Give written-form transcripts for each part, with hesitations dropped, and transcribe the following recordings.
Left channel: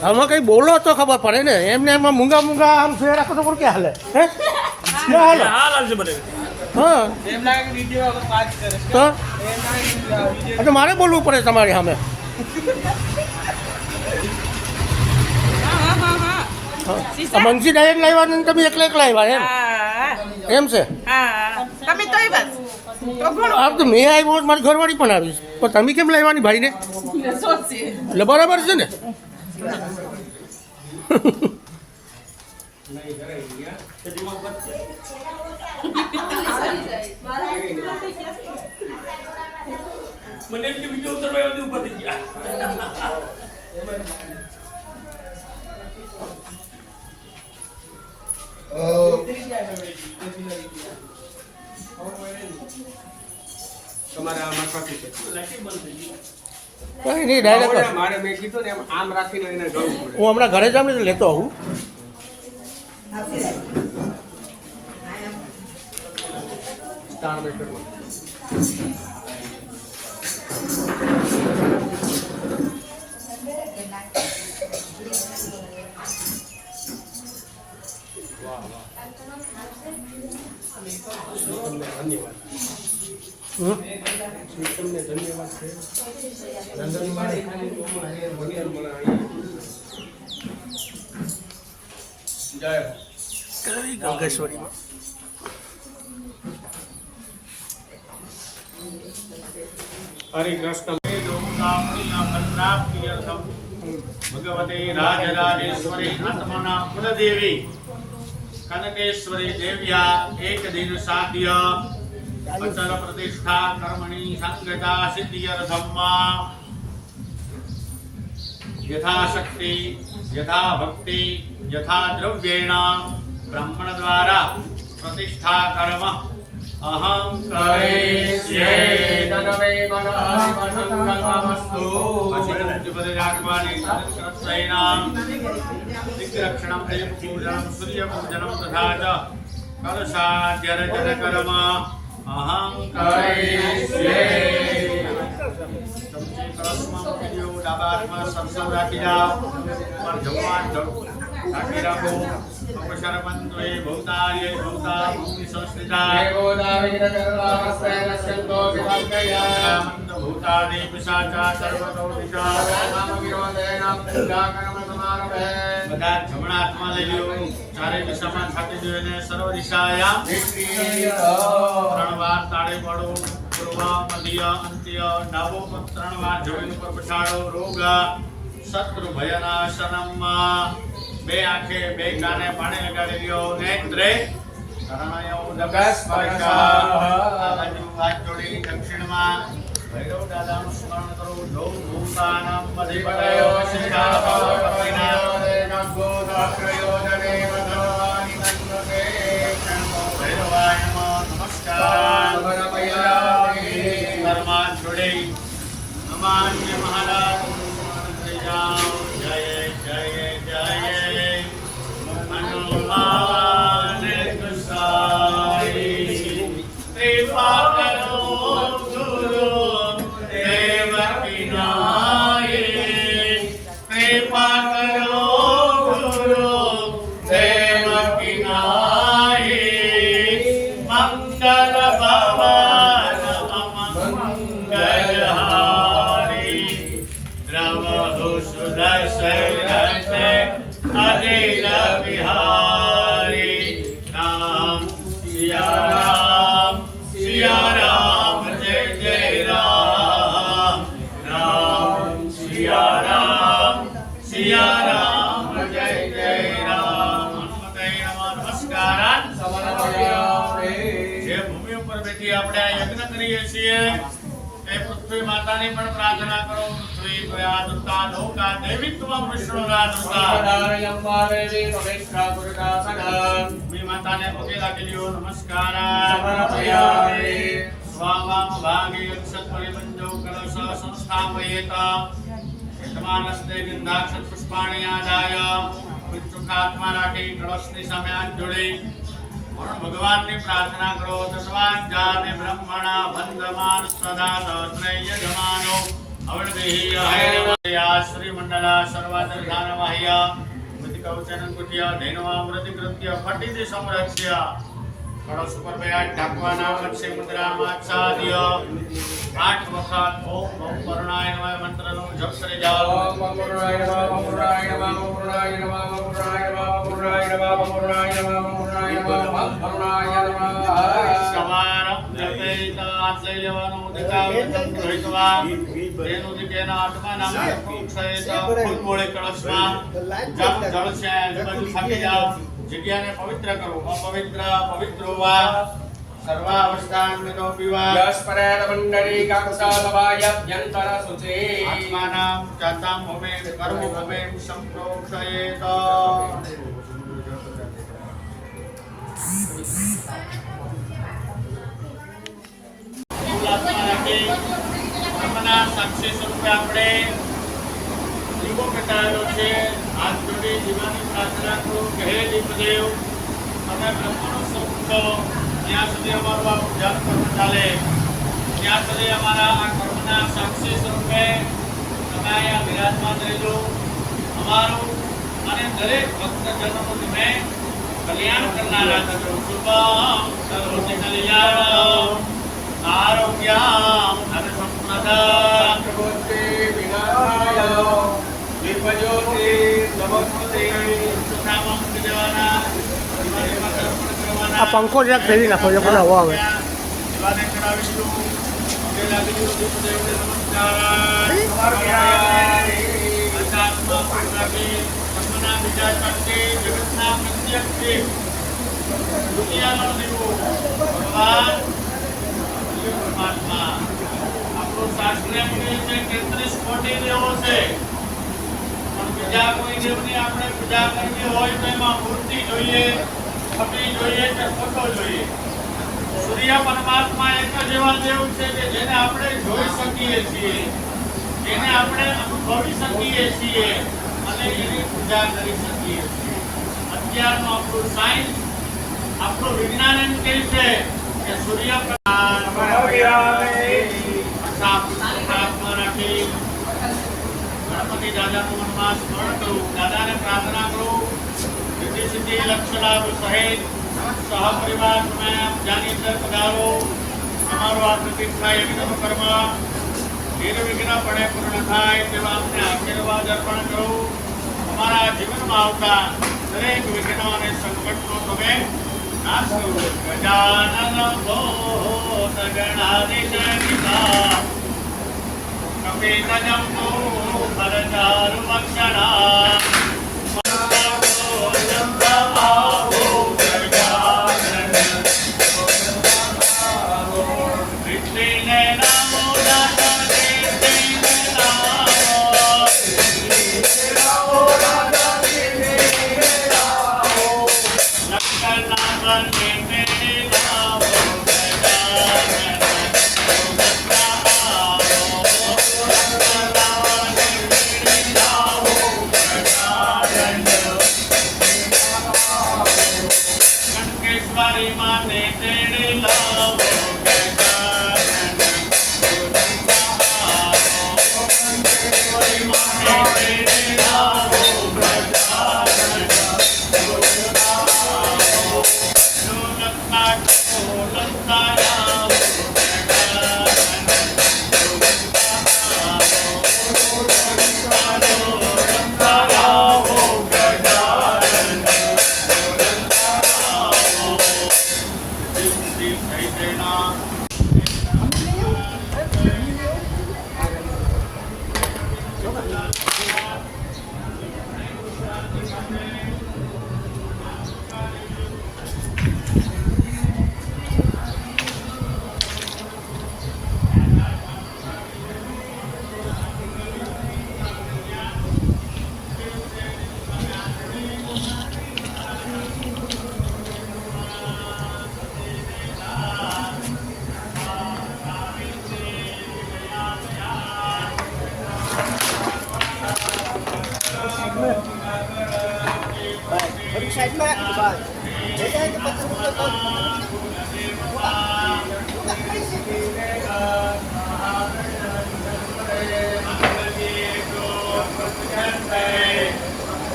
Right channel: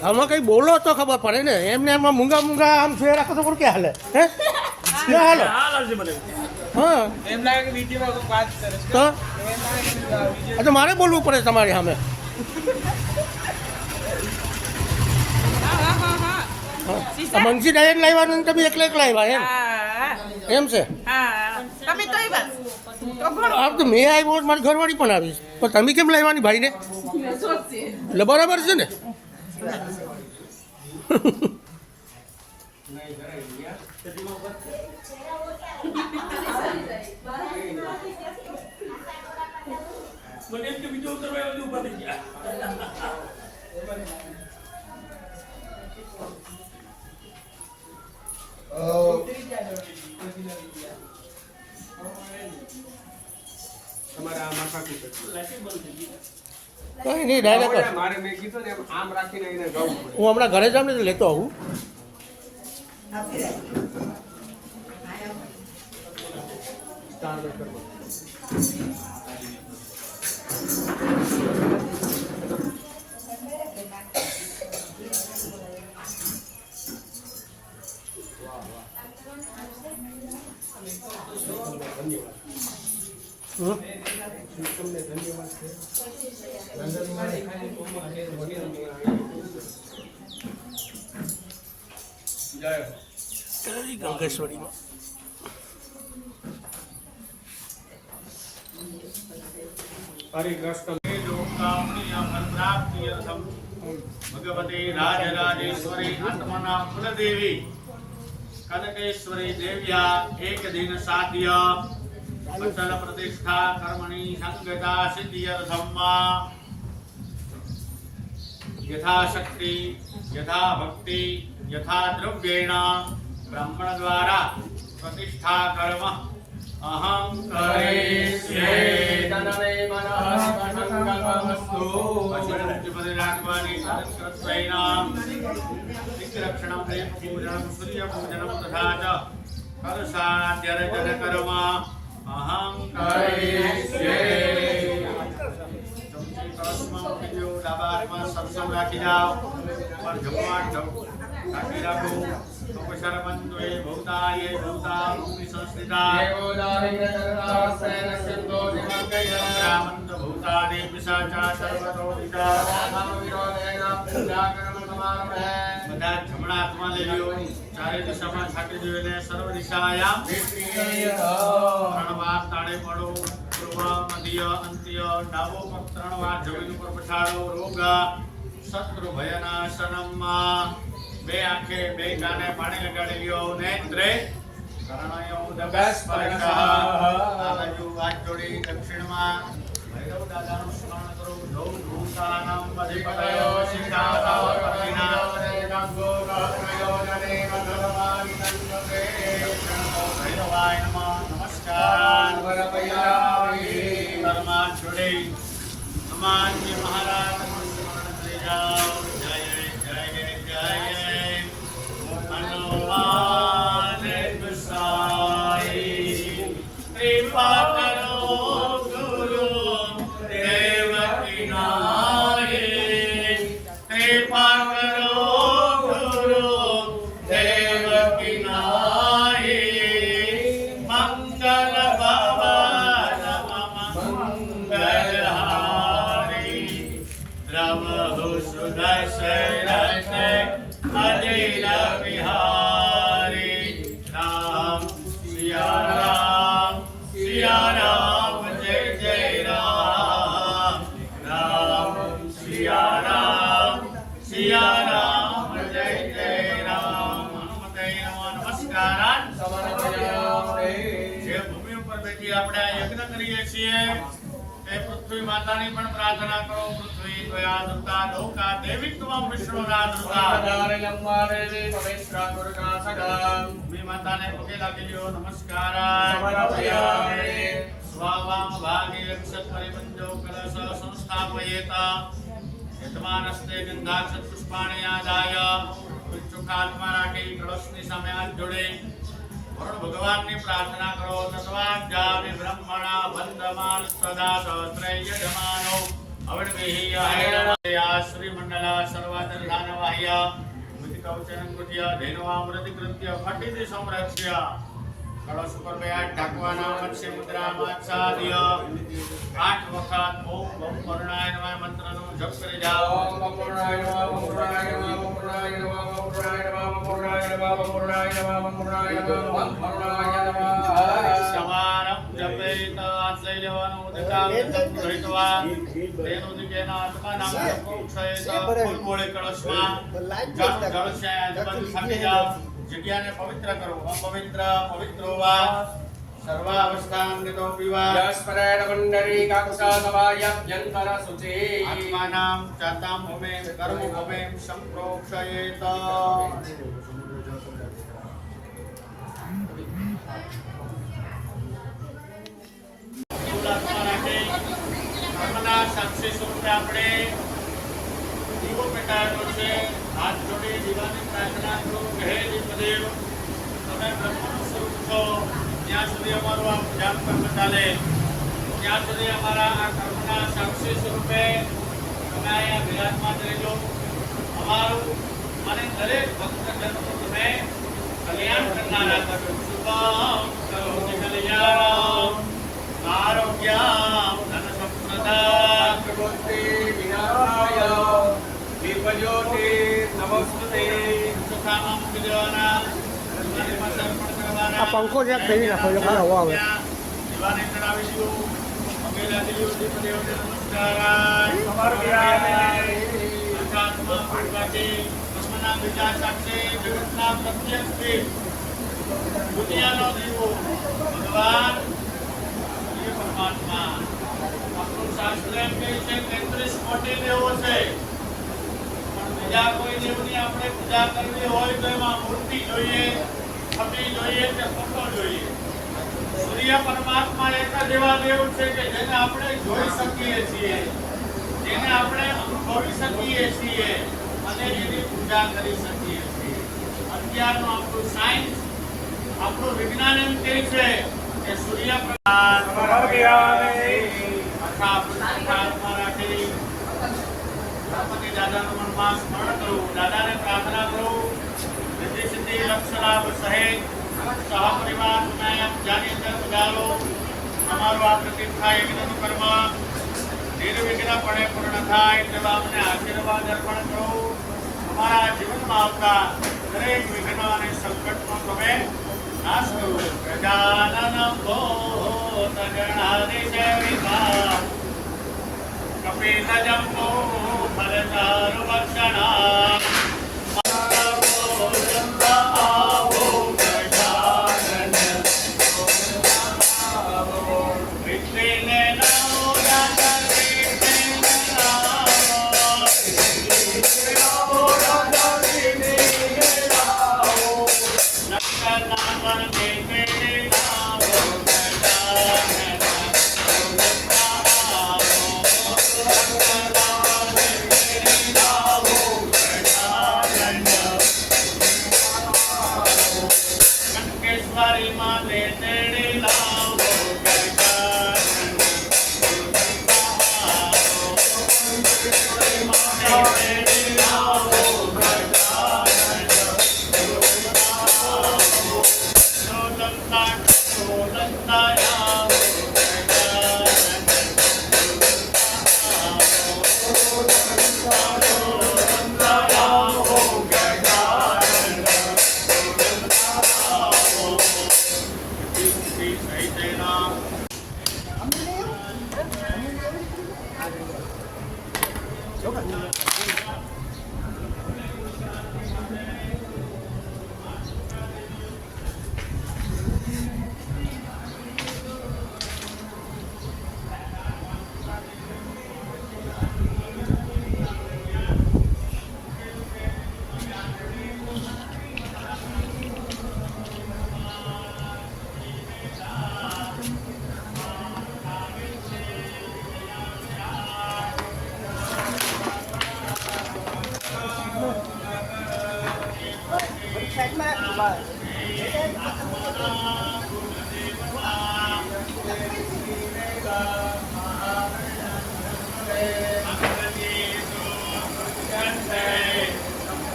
આમાં કંઈ બોલો તો ખબર પડે ને એમને એમાં મૂંગા મૂંગા આમ ફેર રાખો તો ક્યાં હાલે હે ક્યાં હાલે હા એમ લાગે કે વિડિયો વાત કરે છે તો એટલે મારે બોલવું પડે તમારી સામે મંગી ડાયરેક્ટ લાવ્યા ને તમે એકલા આવ્યા એમ છે તમે તો એ બસ આપ તો મેં આવ્યો મારી ઘરવાળી પણ આવીશ પણ તમે કેમ લાવવાની ભાઈને એટલે બરાબર છે ને મને એમ કે વિડિયો ઉતારવા આવી ઉપર થઈ ગયા તમારે આમાં કાપી છે કાંઈ નહીં ડાયરેક્ટ મારે મેં કીધું ને એમ આમ રાખીને એને ગાવું પડે હું હમણાં ઘરે જાઉં ને લેતો આવું સ્ટાર બેકરમાં ધન્યવાદ તમને ધન્યવાદ છે જય ગંગેશ્વરીમાં હરે કૃષ્ણ ભગવતી રાજરાજેશ્વરી આત્મના કુલદેવી કનકેશ્વરી દેવ્યા એક દિન સાધ્ય અચલ પ્રતિષ્ઠા કર્મણી સંગતા સિદ્ધિયર્થમ્મા યથાશક્તિ યથા ભક્તિ યથા દ્રવ્યેણ બ્રાહ્મણ દ્વારા પ્રતિષ્ઠા કર્મ અહં કરિષ્યે તદવે મનાય મંગલમસ્તુ અસિદ્ધિપદે રાગવાણી સત્સૈનામ દિગ્રક્ષણમ દેવ પૂજનમ સૂર્ય પૂજનમ તથા ચ કલશાદ્યર્જન કર્મ અહં કરિષ્યે કલશમાં મૂકી ડાબા હાથમાં સરસવ રાખી જાઓ પર જમવાન રાખી રાખો અપશરમંત્રે ભૂતાય ભૂતા ભૂમિ સંસ્થિતાય મંત્ર ભૂતાદિ પિશાચા સર્વતો બધા જમણા હાથમાં લઈ લ્યો ચારે દિશામાં છાટી જોઈને સર્વ દિશાયામ ત્રણ વાર તાળે પડો પૂર્વ મધ્ય અંત્ય ડાબો પગ ત્રણ વાર જમીન ઉપર પછાડો રોગ શત્રુ ભયનાશનમ બે આંખે બે કાને પાણી લગાડી લ્યો નેત્રે કરણયો નગસ્પર્શ આ બાજુ હાથ જોડી દક્ષિણમાં ભૈરવ દાદાનું સ્મરણ કરો જો ભૂતાનમ અધિપતયો શિખાભાવ કપિના પ્રયોજને વદનવાનિ નંદસે ભૈરવાય નમસ્કાર કર્માન જોડી અમાન્ય મહારાજ જય જય જય જય હનુમાન કસાઈ કૃપા કરો ગુરુ દેવકી નાઈ કૃપા કરો ગુરુ દેવકી નાઈ મંગલ ભવન મંગલહારી પ્રભુ સુદર્શનતે અનિલ વિહારી રામ સિયા રામ જય જય રામ રામ સિયા રામ જય જય રામ હનુમતે નમસ્કાર જે ભૂમિ ઉપર બેઠી આપણે આ યજ્ઞ કરીએ છીએ એ પૃથ્વી માતાની પણ પ્રાર્થના કરો પૃથ્વી પ્રયાદતા લોકા દેવીત્વમ વિષ્ણુરાધતા ભૂમિ માતાને પગે લાગી લ્યો નમસ્કાર સ્વાવામ ભાગે અક્ષત પરિબંધો કલશ સંસ્થાપયેત યજમાનસ્તે ગંધાક્ષત પુષ્પાણિ આદાય પંચુખાત્મા રાખી કળશની સામે હાથ જોડી ભગવાનની પ્રાર્થના કરો તસ્માન જામે બ્રહ્મણા વંદમાન સદા સહસ્રય જમાનો અવણભિ હરે શ્રી મંડલા સર્વાદર્ધાન કુટિયા ધૈનવામૃતિ કૃત્ય ફટિતિ સંરક્ષ્ય કળશ ઉપર બેઠ ઢાંકવાના મત્સ્ય મુદ્રામાં આચ્છાદ્ય 8 વખત ઓમ વરુણાય નમઃ મંત્રનો જપ કરી જાઓ. ઓમ વરુણાય નમઃ ઓમ વરુણાય નમઃ ઓમ વરુણાય નમઃ ઓમ વરુણાય નમઃ ઓમ વરુણાય નમઃ ઓમ વરુણાય નમઃ ઓમ વરુણાય નમઃ ઓમ વરુણાય નમઃ. સવારમ જપેત આશ્રય લેવાનો ઉદકામ ધરિતવા તેનું દિકેના આત્માનામ પ્રોક્ષયેત ફૂલ બોળે કળશમાં જળ છે આજુબાજુ થાકી જાઓ. જગ્યાને પવિત્ર કરો. અપવિત્ર પવિત્રો વા સર્વાવસ્થાન મેનો પીવા યસ્પરેણ મંડળી કાક્ષાલવાયભ્યંતર શુચિ આત્માનામ ચાતામ હોમે કર્મ હોમે સંપ્રોક્ષયેત. કર્મના સાક્ષી સ્વરૂપે આપણે જીવો પેટાળેલો છે. હાથ જોડી જીવાની પ્રાર્થના કરો. કહે દીપદેવ તમે બ્રહ્મનો સ્વરૂપ છો. જ્યાં સુધી અમારું આ ઉજાગર કર્મ ચાલે ત્યાં સુધી અમારા આ કર્મના સાક્ષી સ્વરૂપે તમે અહીંયા બિરાજમાન રહેજો. અમારું અને દરેક ભક્તજનોનું તમે કલ્યાણ કરનારા થશો. શુભમ કરોતિ કલ્યાણમ આરોગ્યમ ધનસંપદા કરોતિ વિનાશાય વિપજોતિ નમસ્તે નામમ વિજવાના આ પંખો જરાક ફેરવી નાખો જો પેલા હવા આવે. શિવાને ચડાવીશું. ભગવાન પરમાત્મા આપણો શાસ્ત્રીય છે 33 કોટી દેવો છે, પણ બીજા કોઈ દેવની આપણે પૂજા કરવી હોય તો એમાં મૂર્તિ જોઈએ, ફટી જોઈએ કે ફોટો જોઈએ. સૂર્ય પરમાત્મા એક જ એવા દેવ છે કે જેને આપણે જોઈ શકીએ છીએ, જેને આપણે અનુભવી શકીએ છીએ અને એની પૂજા કરી શકીએ છીએ. અત્યારનું આપણું સાયન્સ, આપણું વિજ્ઞાન એમ કહે છે કે સૂર્ય ગણપતિ દાદાનું મનમાં સ્મરણ કરું, દાદાને પ્રાર્થના કરું, સિદ્ધિ સિદ્ધિ લક્ષ્ય લાભ સહિત સહપરિવાર તમે જાની અંદર પધારો. તમારું આ પ્રતિષ્ઠા યજ્ઞનું કર્મ નિર્વિઘ્નપણે પૂર્ણ થાય તેવા અમને આશીર્વાદ અર્પણ કરો. અમારા જીવનમાં આવતા દરેક વિઘ્ન અને સંકટનો તમે નાશ કરો. ગજાનન ભૂત ગણાધિદેવિકા કપિતજંબો ફલચારુ ભક્ષણા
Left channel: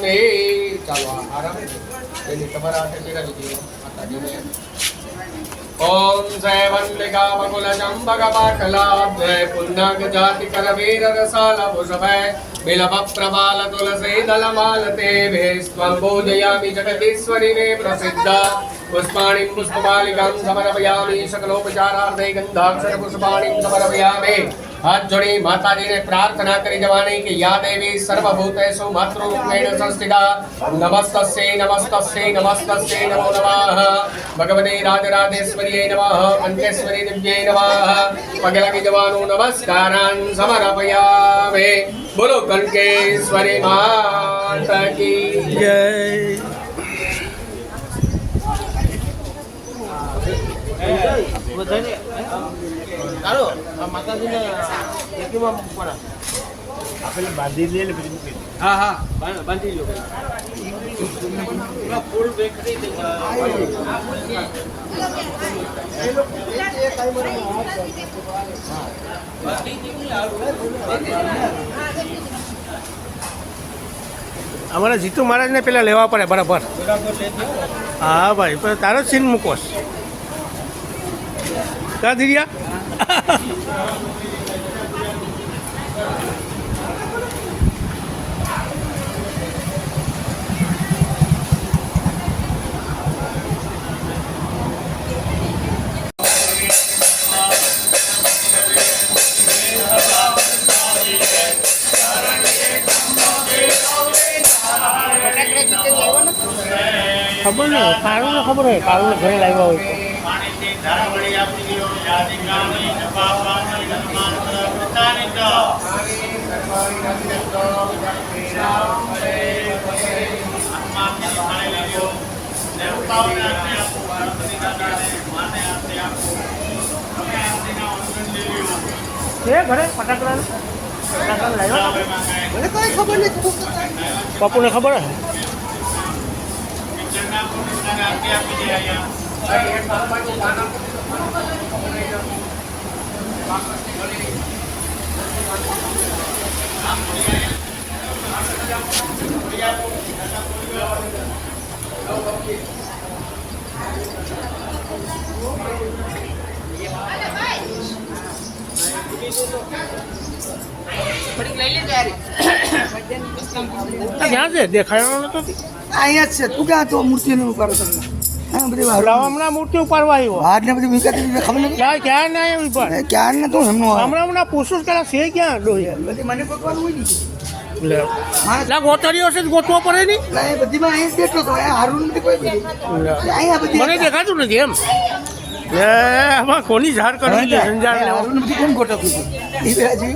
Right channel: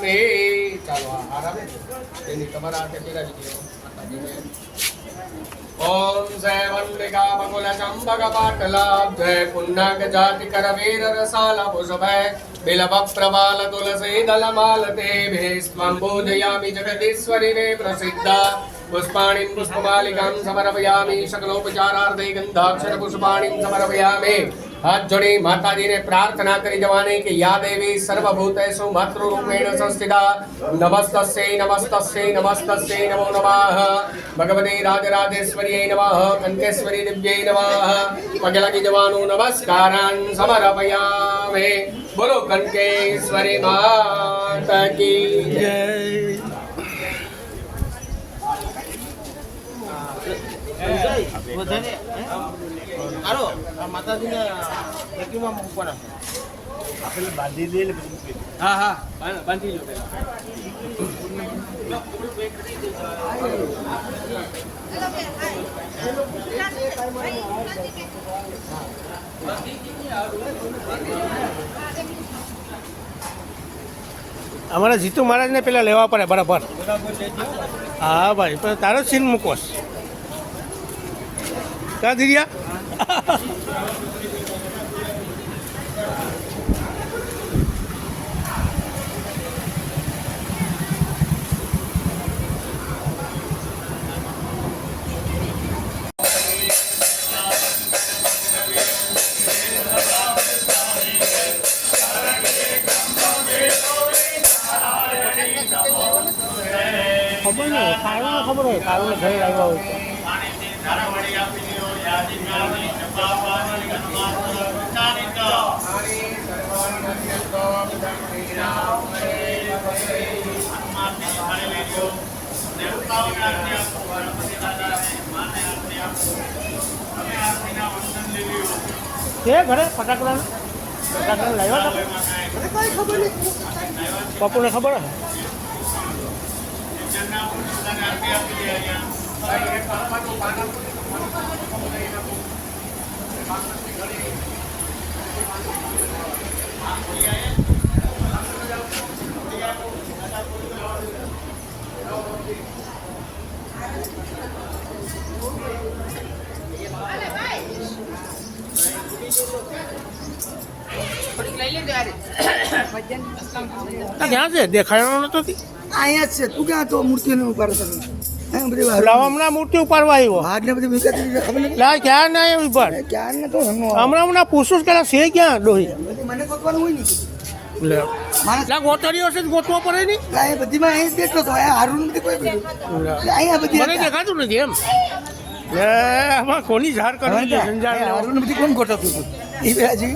સમર્પયામિ ચાલો આરામ એની તમારા હાથે ટીકા દીધી માતાજીને ओम जय वंतिका बकुल चंपक पाटलाभ जय पुन्नक जाति कर वीर रसाल भूषभय बिलव प्रबाल तुलसी दल मालते भेस्त्वं पूजयामि जगदीश्वरी ने प्रसिद्ध पुष्पाणि पुष्पमालिकां समर्पयामि सकलोपचारार्थे गंधाक्षर पुष्पाणि समर्पयामि हाथ जोड़ी माता जी ने प्रार्थना करी जवानी कि या देवी सर्वभूतेषु मातृरूपेण संस्थिता नमस्तस्यै नमस्तस्यै नमस्तस्यै नमो नमः भगवते राजराजेश्वर्यै नमः कंठेश्वरी दिव्यै नमः पगे लगी जवानो नमस्कारान् समर्पयामि बोलो कंठेश्वरी माता की જય બાંધી લે ને પછી મૂકી અમારા જીતુ મહારાજને પેલા લેવા પડે બરાબર હા ભાઈ પણ તારે સીન મૂકોસ ક્યાં દીધ્યા ખબર ને કારુને ખબર હોય કારુને ઘરે લાવ્યા હોય પાણીથી ધારા વળી આપી દો યાદિકાની નભાવવાની ગણમાત્ર પ્રકારની ક આત્મા જલવાઈ લેજો દેવતાઓને આરતી આપો ગણપતિ દાદાને માને આરતી આપો તમે આરતીના વંદન લેજો એ ઘરે ફટાકડા લાવ્યા મને કઈ ખબર નહીં પપ્પુને ખબર હે જન્ના પોતાને આરતી આપી દે અહીંયા ક્યાં છે દેખાયો નતો અહીંયા જ છે તું ક્યાં તો મૂર્તિનું ઉપાડ હમણાં મૂર્તિ ઉપાડવા આવ્યો હાથ ને બધી વિકત ખબર નથી ક્યાં ક્યાં ના આવ્યો ઉપર ક્યાં ને તો એમનો હમણાં પૂછું કે છે ક્યાં ડોહી બધી મને ગોતવાનું હોય ને ના ગોતારીઓ છે ગોતવો પડે નહીં એ બધી માં અહીંયા જ બેઠો હતો અહીંયા હારું નથી કોઈ બી. અહીંયા બધી મને દેખાતું નથી એમ આમાં કોની ઝાડ કરવી છે સંજાણ હારું નથી કોણ ગોઠવતું હતું? એ બે હજી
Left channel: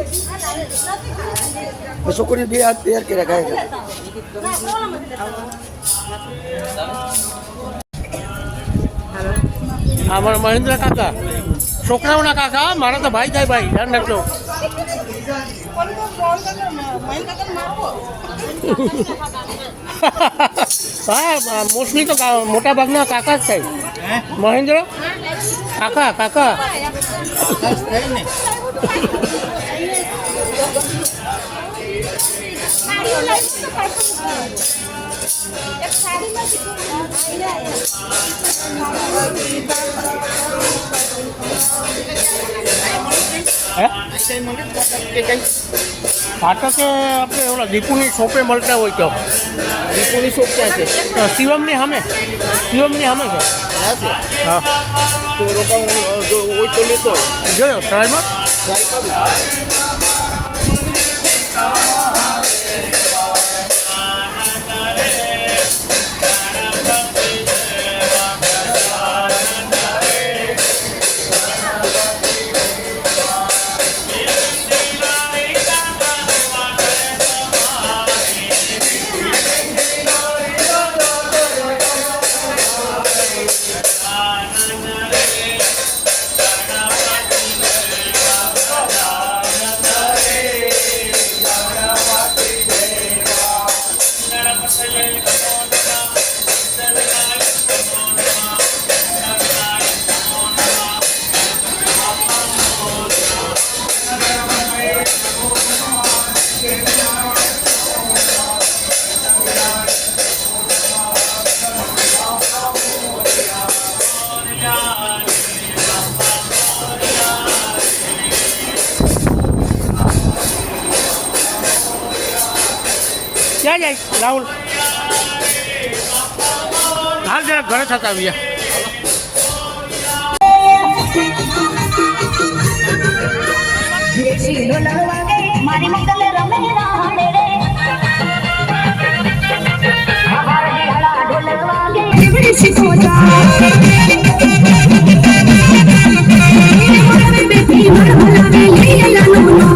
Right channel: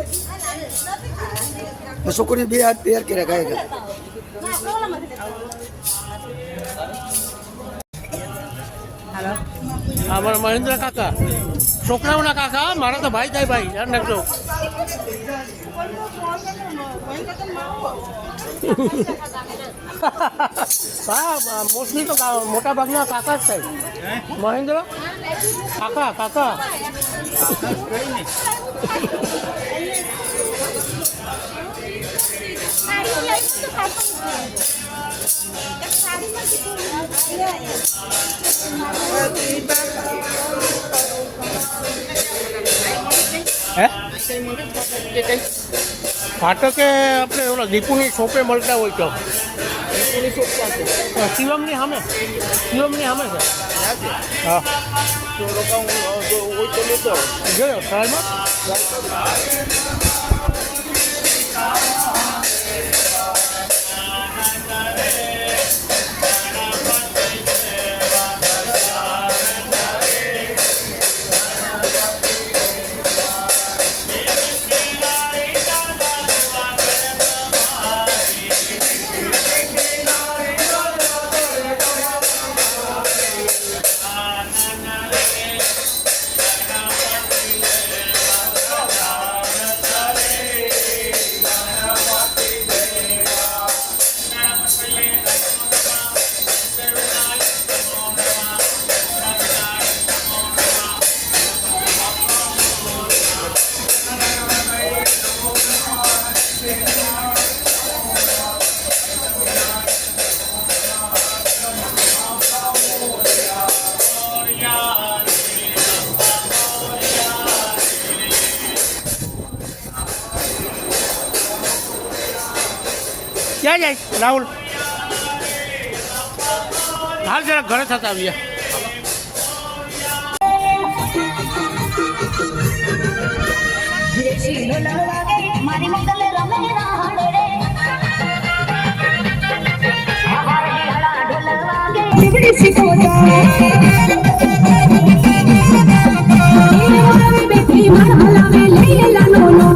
છોકરી બે હાથ તૈયાર કર્યા કાંઈ અમારા મહેન્દ્ર કાકા છોકરાઓના કાકા મારા તો ભાઈ થાય ભાઈ ધ્યાન રાખજો હા મોસ્ટલી તો મોટા ભાગના કાકા જ થાય મહેન્દ્ર કાકા કાકા ફાટકે આપણે ઓલા દીપુની શોપે મળતા હોય તો દીપુની શોપ ક્યાં છે? શિવમની સામે શિવમની સામે છે હા તો રોકાવું હોય તો લેતો જોયો ટ્રાયમાં જાય રાહુલ હાલ જરા ઘરે થતા આવીએ મારી મંગલે રમે રાડે રે આભાર ઢોલા ઢોલવાગે જીવડે શીખોતા બેટી મર ભલાવે લેલા નોનો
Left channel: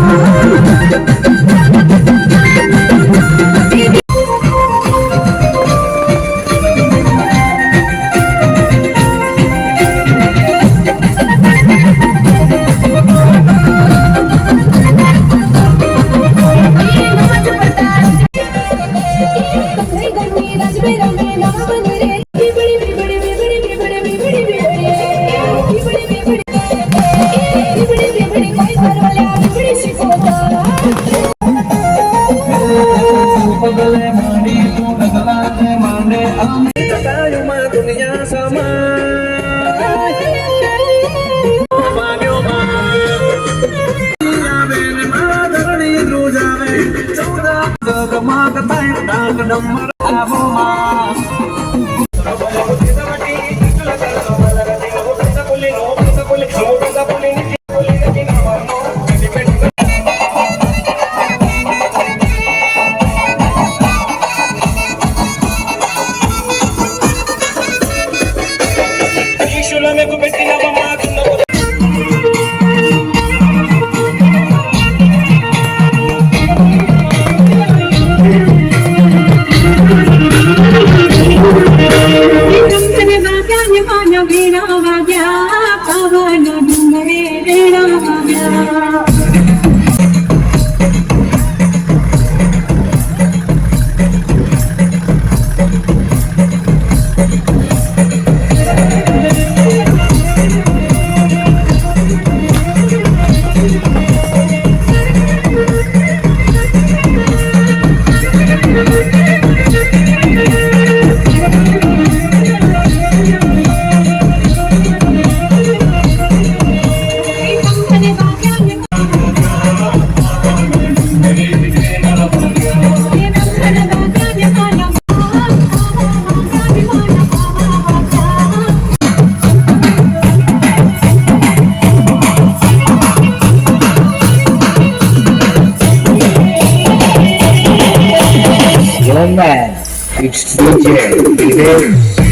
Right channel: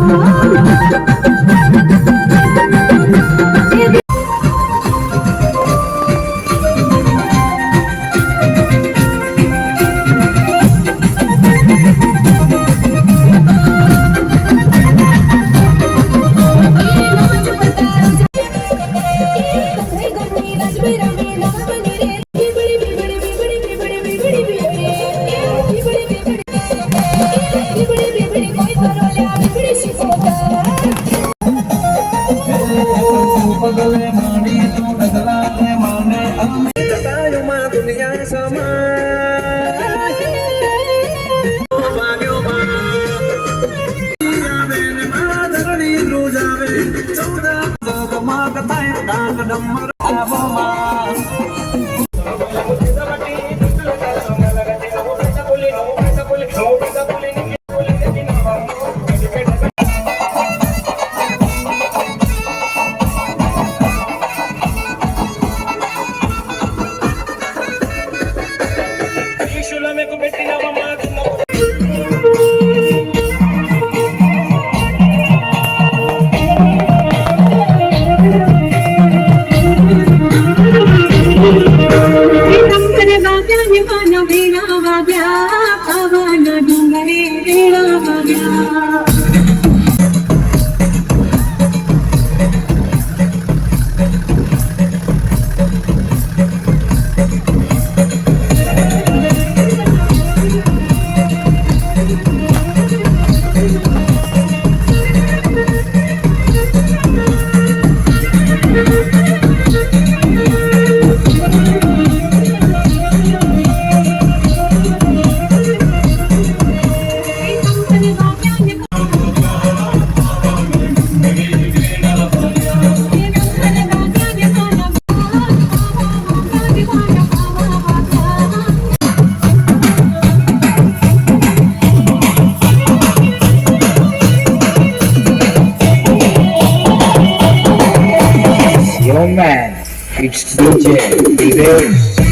It's DJ Evers.